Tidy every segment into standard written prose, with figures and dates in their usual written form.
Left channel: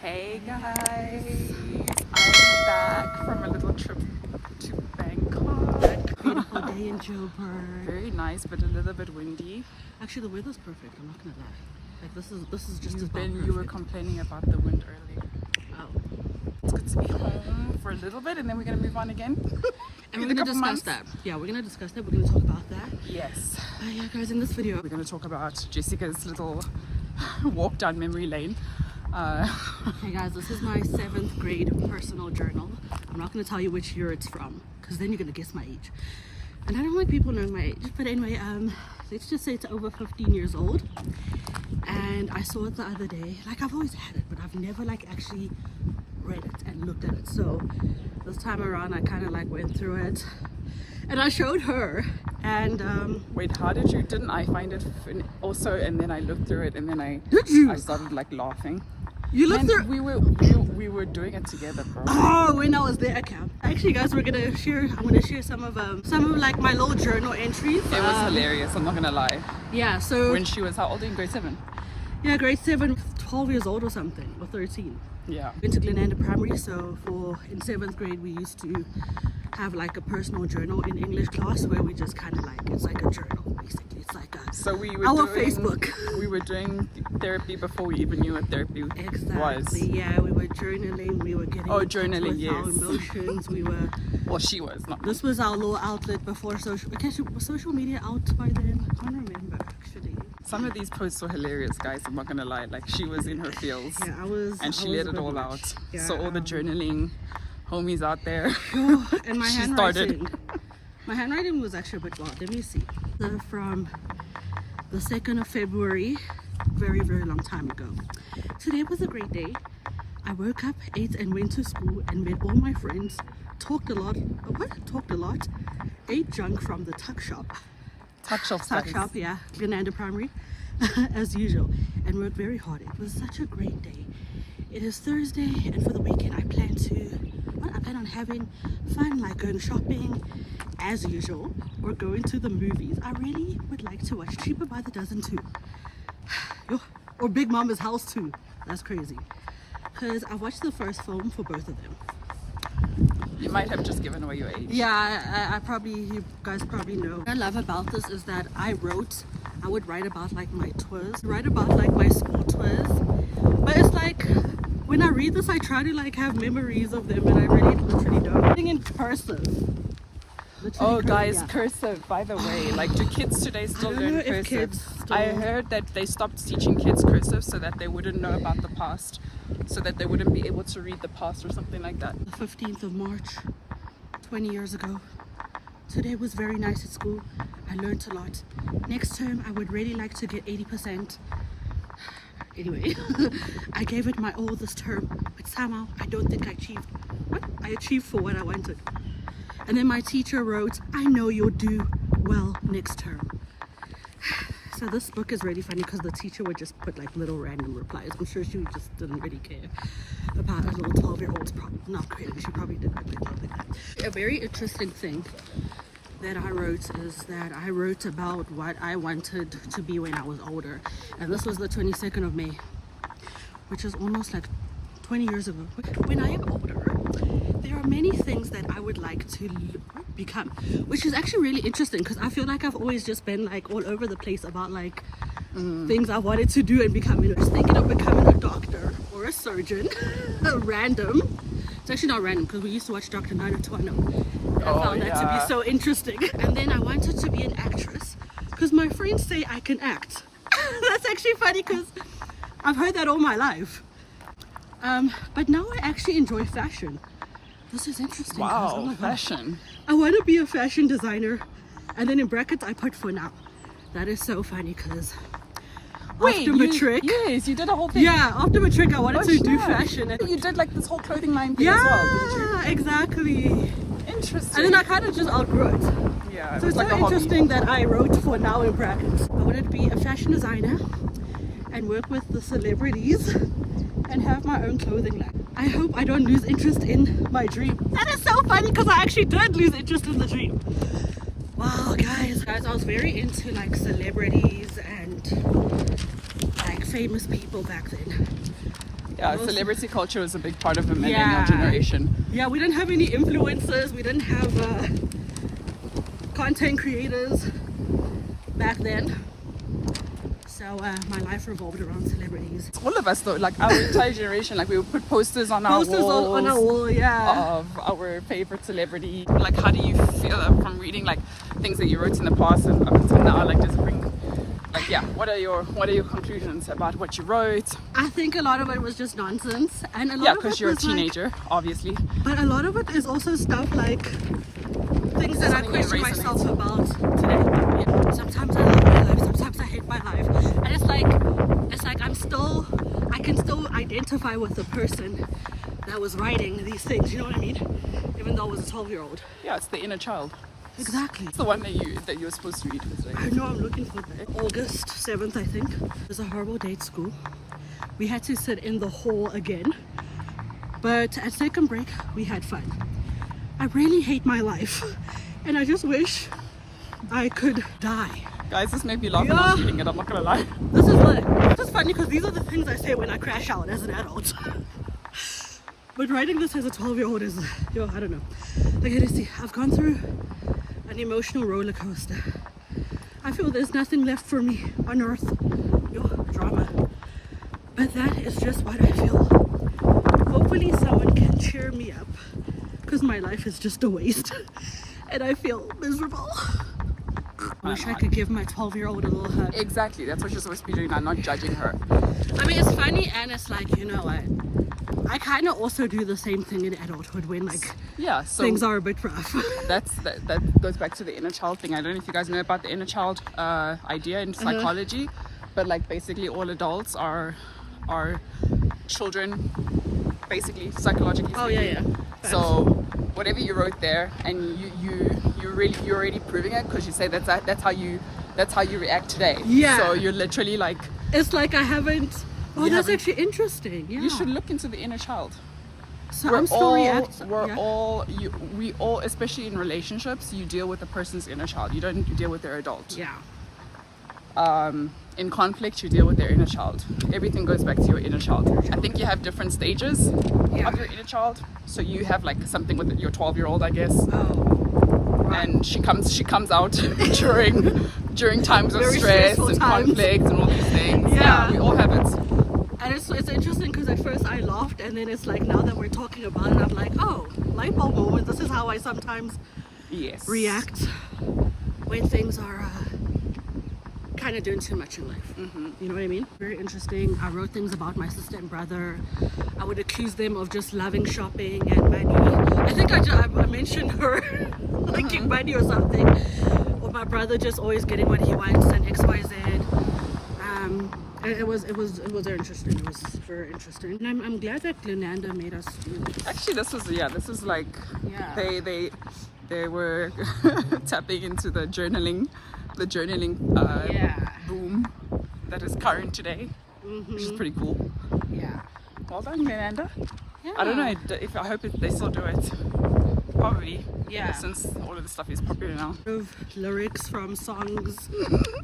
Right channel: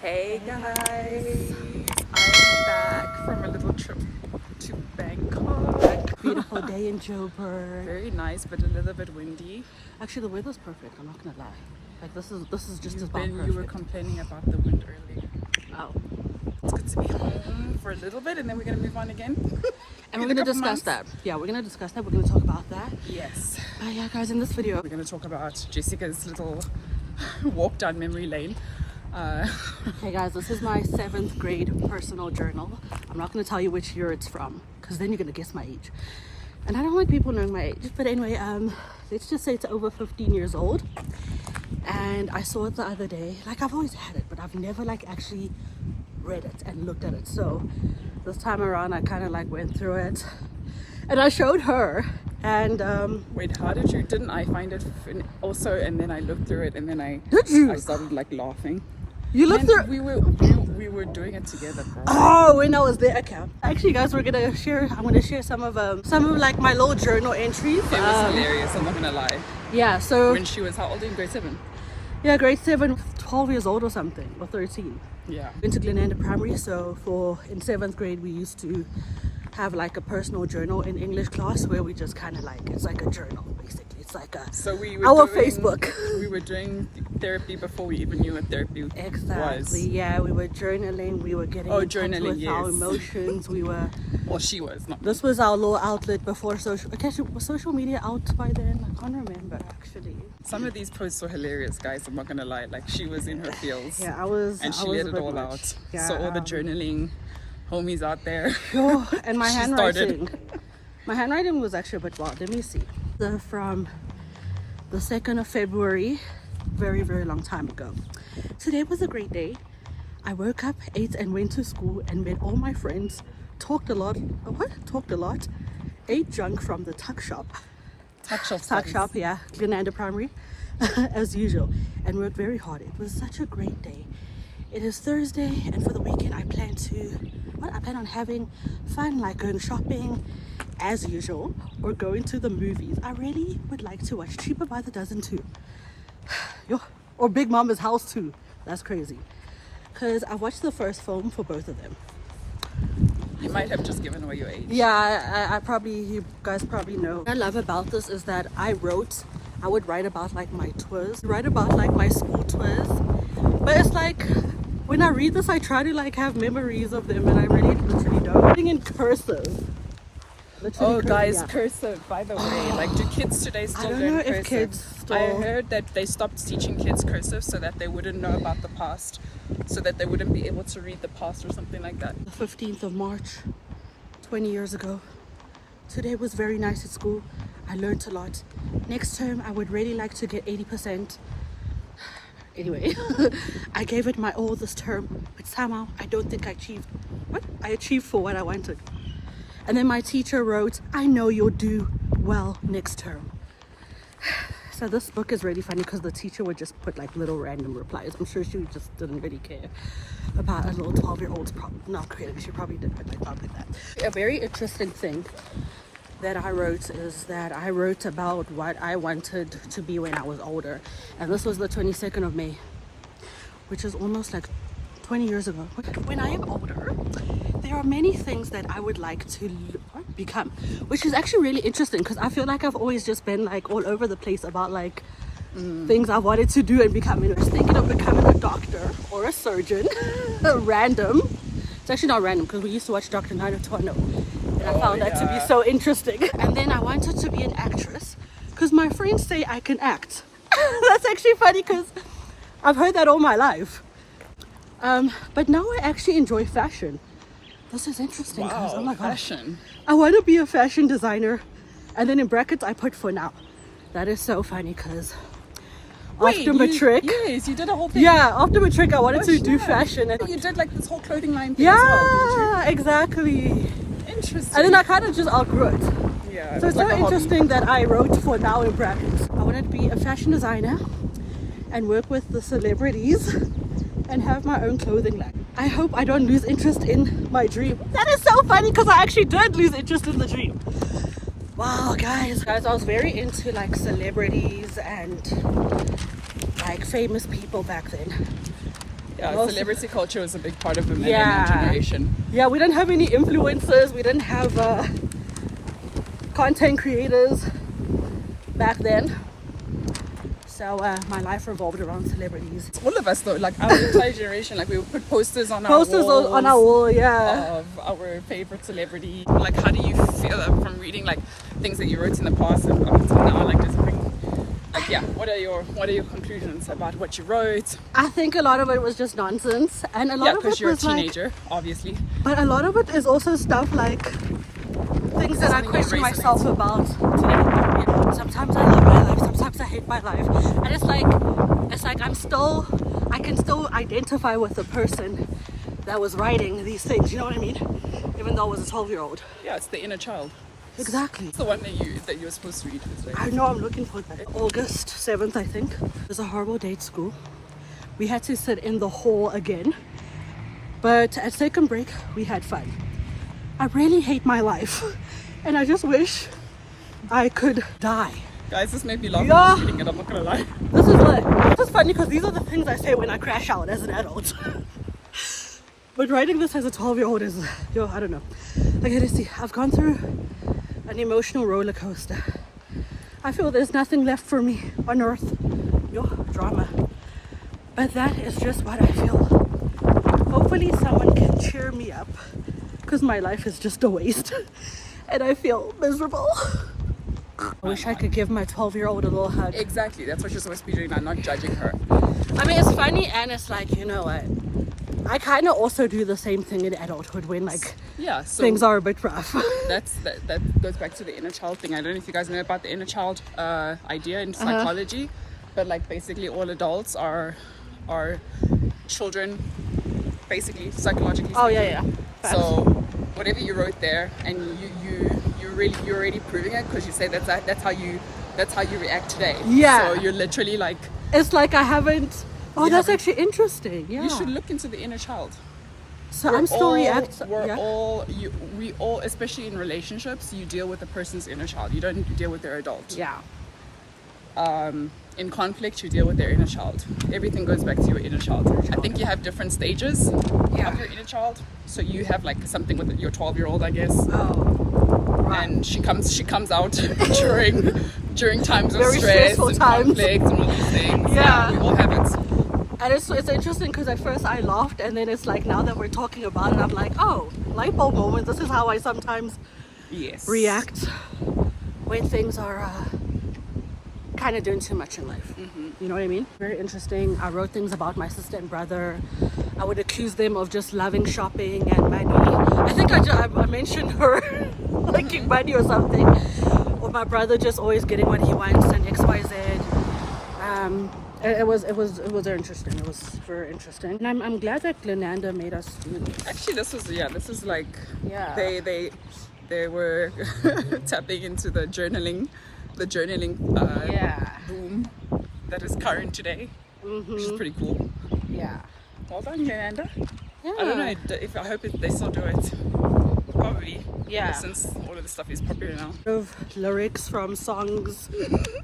Hey guys, I'm back from a little trip to Bangkok. Beautiful day in Joburg. Very nice, but a little bit windy. Actually, the weather's perfect. I'm not gonna lie. Like this is just about Then perfect. you were complaining about the wind earlier. Oh. It's good to be home for a little bit, and then we're gonna move on again. And we're In a gonna couple discuss months. that. Yeah, we're gonna discuss that. We're gonna talk about that. Yes, Yeah, guys, in this video, we're gonna talk about Jessica's little walk down memory lane. hey guys, this is my 7th grade personal journal. I'm not gonna tell you which year it's from, because then you're gonna guess my age. And I don't like people knowing my age. But anyway, let's just say it's over 15 years old. And I saw it the other day. Like, I've always had it, but I've never like actually read it and looked at it. So this time around I kind of like went through it and I showed her. And Wait, how did you? Didn't I find it also? And then I looked through it, and then I started like laughing. you looked And through. we were doing it together, bro. Oh, when I was there. Okay, actually guys, I'm gonna share some of like my little journal entries. It was hilarious, I'm not gonna lie. Yeah, so When she was how old, in grade 7? yeah, grade 7, 12 years old or something, or 13. Yeah. Went to Glenanda Primary, so in 7th grade we used to have like a personal journal in English class where we just kind of like, it's like a journal basically. It's like a So we were our doing, Facebook. We were doing therapy before we even knew what therapy Exactly. was. Yeah, we were journaling, we were getting in touch journaling, with our yes. emotions. We were. Well, she was not. This was our little outlet before social. Okay, was social media out by then? I can't remember actually. Some of these posts were hilarious, guys. I'm not gonna lie. Like, she was in her feels, Yeah, I was. and she I was let a it bit all much. out. Yeah, So all the journaling homies out there. Oh, and my She handwriting. My handwriting was actually a bit wild. Let me see. From the 2nd of February, very, very long time ago. Today was a great day. I woke up, ate, and went to school and met all my friends. Talked a lot. Talked a lot. Ate junk from the tuck shop. Tuck shop, yeah. Glenanda Primary, as usual. And worked very hard. It was such a great day. It is Thursday, and for the weekend I plan on having fun, like going shopping as usual, or going to the movies. I really would like to watch Cheaper by the Dozen 2. Or Big Mama's House 2. That's crazy. Because I watched the first film for both of them. You might have just given away your age. Yeah, you guys probably know. What I love about this is that I would write about like my tours, write about like my school tours. But it's like, when I read this, I try to like have memories of them, and I really literally don't. Writing in cursive. Literally Oh, guys, yeah. cursive, by the way. Like, do kids today still learn cursive? I heard that they stopped teaching kids cursive so that they wouldn't know about the past, so that they wouldn't be able to read the past or something like that. The 15th of March, 20 years ago. Today was very nice at school. I learned a lot. Next term, I would really like to get 80%. Anyway, I gave it my all this term, but somehow I don't think I achieved. I achieved for what I wanted. And then my teacher wrote, "I know you'll do well next term." So this book is really funny because the teacher would just put like little random replies. I'm sure she just didn't really care about a little 12-year-old's not crazy. She probably did, but they probably not. A very interesting thing that I wrote is that I wrote about what I wanted to be when I was older. And this was the 22nd of May, which is almost like 20 years ago. When I am older, there are many things that I would like to become, which is actually really interesting because I feel like I've always just been like all over the place about like things I wanted to do and becoming. I was thinking of becoming a doctor or a surgeon. Random. It's actually not random because we used to watch Dr. Nina Twano. And I found that to be so interesting. And then I wanted to be an actress because my friends say I can act. That's actually funny because I've heard that all my life. But now I actually enjoy fashion. This is interesting. Wow, oh my fashion. gosh. I want to be a fashion designer. And then in brackets I put for now. That is so funny because after matric. Yes, you did a whole thing. Yeah, after matric I wanted to do fashion. And you did like this whole clothing line thing as well, didn't you? Exactly. Interesting. And then I kind of just outgrew it. Yeah, So it's like so a hobby. interesting that I wrote for now in brackets. I wanted to be a fashion designer and work with the celebrities and have my own clothing line. I hope I don't lose interest in my dream. That is so funny because I actually did lose interest in the dream. Wow, guys, I was very into like celebrities and like famous people back then. Yeah, Most- celebrity culture was a big part of the millennial Yeah. generation. Yeah, we didn't have any influencers. We didn't have content creators back then. So my life revolved around celebrities. All of us though, like our entire generation, like we would put posters on our walls On our wall, yeah. of our favorite celebrity. Like, how do you feel from reading like things that you wrote in the past and up until now? Like, just bring, like, yeah. What are your conclusions about what you wrote? I think a lot of it was just nonsense, and a lot Yeah, of it because you're a was like, teenager, obviously. but a lot of it is also stuff like things that I Something that question resonates. myself about today. Sometimes I love my life, sometimes I hate my life, and it's like I can still identify with the person that was writing these things. You know what I mean? Even though I was a 12-year-old. Yeah, it's the inner child. Exactly. It's the one that you're supposed to read this way. I know, I'm looking for that. August 7th, I think. It was a horrible day at school. We had to sit in the hall again. But at second break, we had fun. I really hate my life. And I just wish I could die. Guys, this made me laugh when I was reading it, I'm not gonna lie. This is funny because these are the things I say when I crash out as an adult. But writing this as a 12-year-old is, I don't know. Okay, let's see. I've gone through an emotional roller coaster. I feel there's nothing left for me on earth. Drama. But that is just what I feel. Hopefully someone can cheer me up because my life is just a waste and I feel miserable. I wish I could give my 12-year-old a little hug. Exactly, that's what you're supposed to be doing. I'm not judging her. I mean, it's funny and it's like, you know what? I kind of also do the same thing in adulthood when like Yeah, so things are a bit rough. that goes back to the inner child thing. I don't know if you guys know about the inner child idea in psychology, but like basically all adults are children, basically psychologically. Oh yeah, speaking. yeah. So whatever you wrote there, and you're already proving it because you say that's how you react today. Yeah. So you're literally like, It's like I haven't. Oh, You that's haven't- actually interesting. Yeah. you should look into the inner child. So I'm still reacting. We all, especially in relationships, you deal with the person's inner child. You don't deal with their adult. Yeah. In conflict, you deal with their inner child. Everything goes back to your inner child. I think you have different stages of your inner child. So you have like something with your 12-year-old, I guess, Oh. and she comes out during times of Very stress stressful and times. conflict and all these things. Yeah. We all have it. And it's interesting because at first I laughed, and then it's like now that we're talking about it, I'm like, oh, light bulb moment. This is how I sometimes Yes. react when things are kind of doing too much in life. You know what I mean? Very interesting. I wrote things about my sister and brother. I would accuse them of just loving shopping and money. I think I mentioned her liking money or something. Or my brother just always getting what he wants and XYZ. It was interesting. It was very interesting. And I'm glad that Glenanda made us do this. Actually, this is like Yeah. they were tapping into the journaling boom that is current today, which is pretty cool. Yeah. Well done, Glenanda. Yeah. I don't know if I hope they still do it. Probably. Yeah. Since all of the stuff is popular now. Of lyrics from songs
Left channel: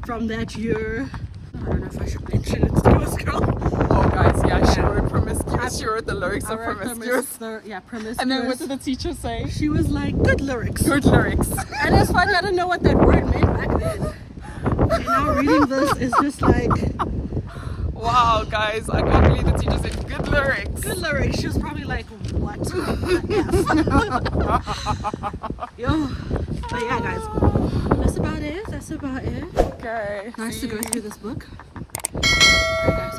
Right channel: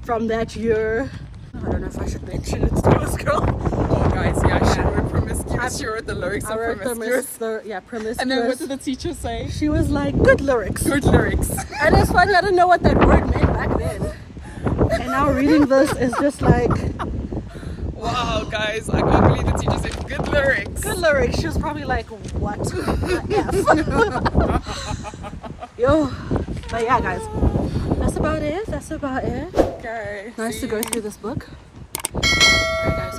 from that year. I don't know if I should mention it to this girl. Oh, guys, yeah, she wrote Promiscuous. She wrote the lyrics I of wrote Promiscuous. Promiscuous. And then what did the teacher say? She was like, good lyrics. Good lyrics. And it's funny, I didn't know what that word meant back then. And now reading this is just like, Wow, guys, I can't believe the teacher said good lyrics. good lyrics. She was probably like, what? Yo. But yeah, guys, that's about it. Okay. Nice see to go you. through this book. Alright, guys.